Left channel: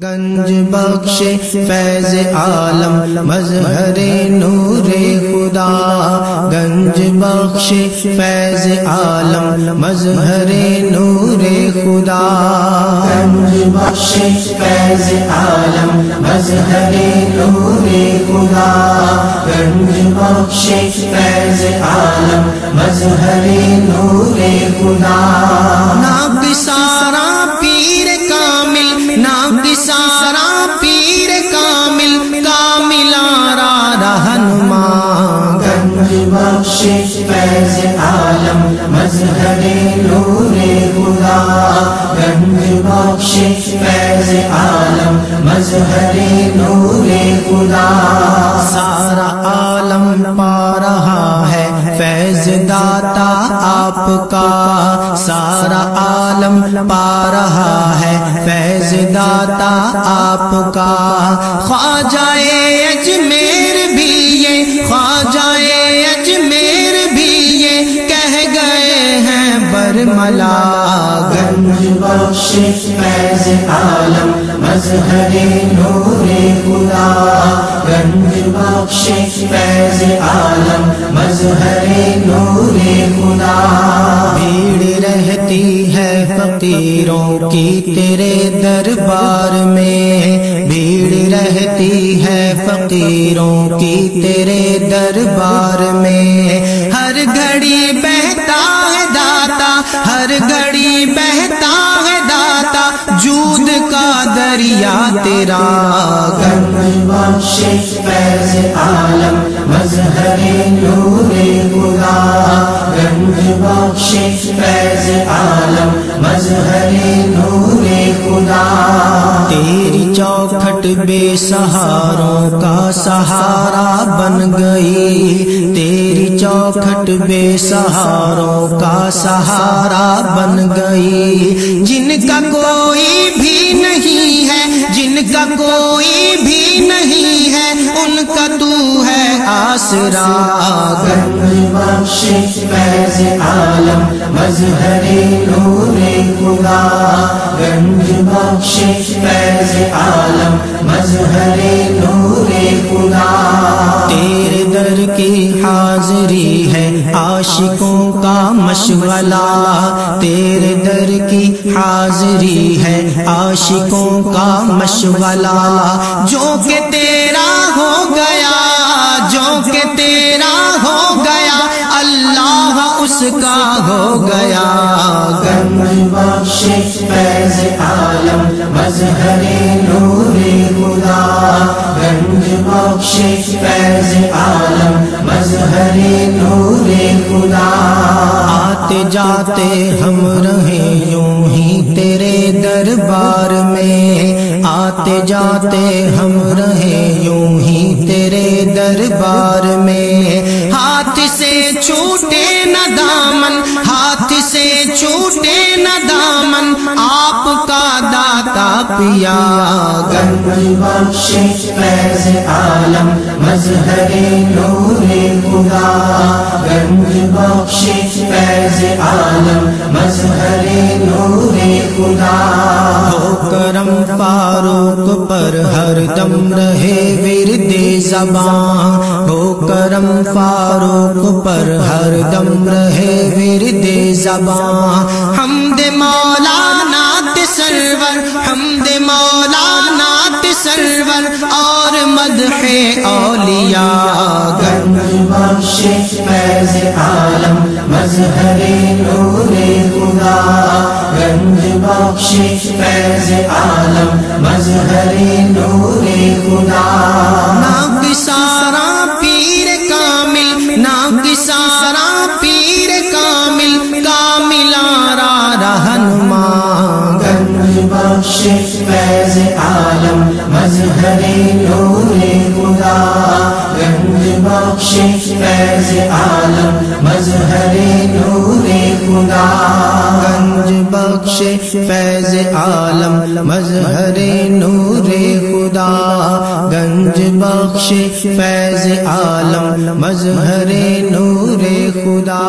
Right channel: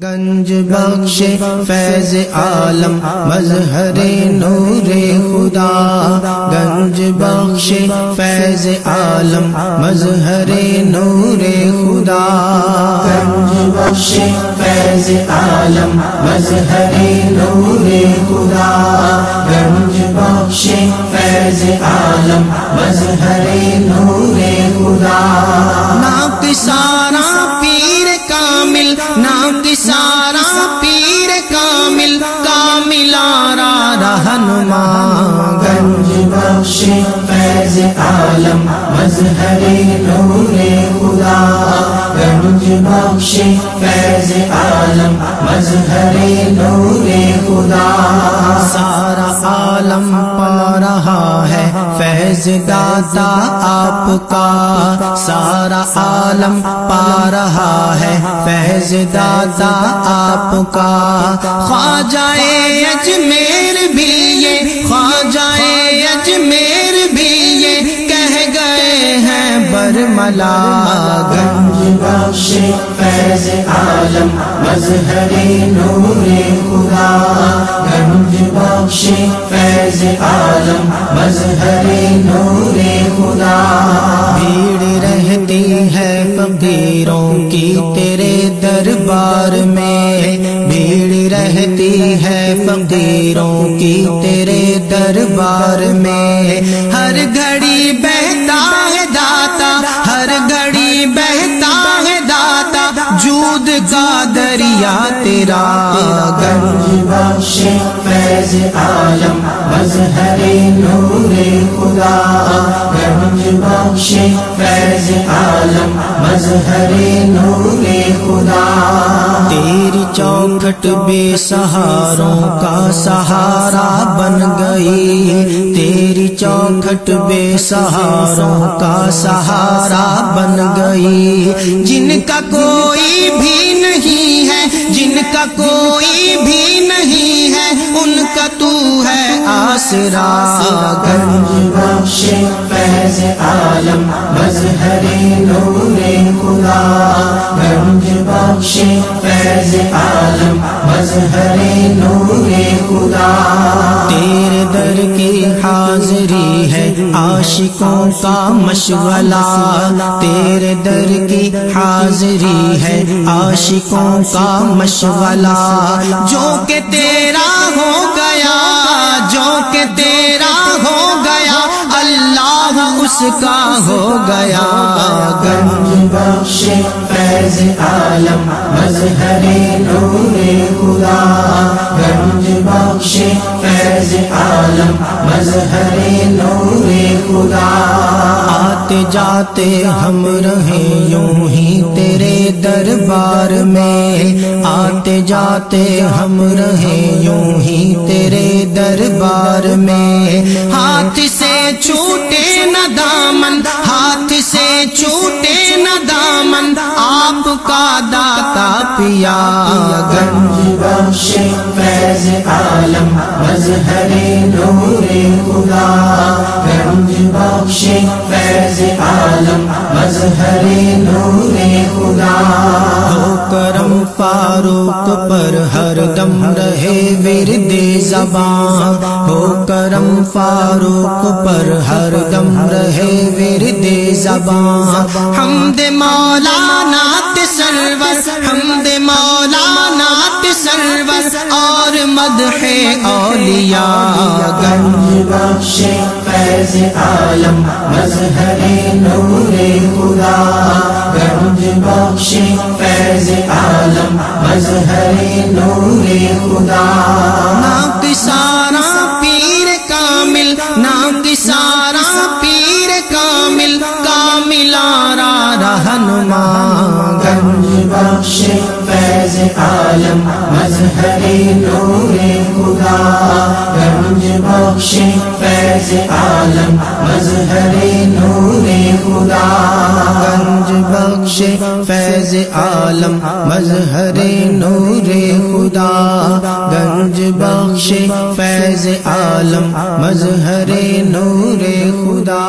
گنج بخش فیض عالم مظہر نور خدا، گنج بخش فیض عالم مظہر نور خدا، گنج بخش فیض عالم مظہر نور خدا، گنج بخش فیض عالم مظہر نور خدا، ناک سارا پیر کامل، ناک سارا پیر کامل، کامل آرا رہنما، گنج بخش فیض عالم مظہر نور خدا، گنج بخش فیض عالم مظہر نور خدا، سارا عالم پا رہا ہے فیض داتا آپ کا، سارا عالم پا رہا ہے فیض داتا آپ کا، خواجہ اجمیر بھی یہ، خواجہ اجمیر بھی یہ کہہ گئے ہیں برملا، گنج بخش فیض عالم مظہر نور خدا، گنج بخش فیض عالم مظہر نور خدا، بھیڑ رہتی ہے فقیروں کی تیرے دربار میں، بھیڑ رہتی ہے فقیروں کی تیرے دربار میں، ہر گھڑی بہتا ہے داتا، ہر گھڑی بہتا ہے داتا، جود کا دریا تیرا، گنج بخش فیض عالم مظہر نور خدا، گنج بخش فیض عالم مظہر نور خدا، تیری چوکھٹ بے سہاروں کا سہارا بن گئی، تیری چوکھٹ بے سہاروں کا سہارا بن گئی، جن کا کوئی بھی نہیں ہے، جن کا کوئی بھی نہیں ہے، ان کا تو ہے آسرا، گنج بخش فیض عالم مظہر نور خدا، گنج بخش فیض عالم مظہر نور خدا، تیرے در کی حاضری ہے عاشقوں کا مشغلہ، تیرے در کی حاضری ہے عاشقوں کا مشغلہ، جو کہ تیرا ہو گیا، جو کہ تیرا ہو گیا، اللہ اس کا ہو گیا، گنج بخش فیض عالم مظہر نور خدا، گنج بخش فیض عالم مظہر نور خدا، آتے جاتے ہم رہیں یوں ہی تیرے دربار میں، آتے جاتے ہم رہیں یوں ہی تیرے دربار میں، ہاتھ سے چھوٹے نہ دامن، ہاتھ سے چھوٹے نہ دامن، آپ کا داتا پیا، گنج بخش فیض عالم مظہر نور خدا، گنج بخش فیض عالم مظہر نور خدا، ہو کرم فاروق پر ہر دم رہے ورد زباں، ہو کرم فاروق پر ہر دم رہے ورد زباں، حمد مولانا سرور، حمد مولانا سرور اور مدح اولیاء، گنج بخش فیض عالم مظہر نور خدا، گنج بخش فیض عالم مظہر نور خدا، ناک سارا پیر کامل، ناک سارا پیر کامل، کامل آرا رہنما، گنج بخش فیض عالم مظہر نور خدا، گنج بخش فیض عالم مظہر نور خدا، گنج بخش فیض عالم مظہر نور خدا، گنج بخش فیض عالم مظہر نور خدا۔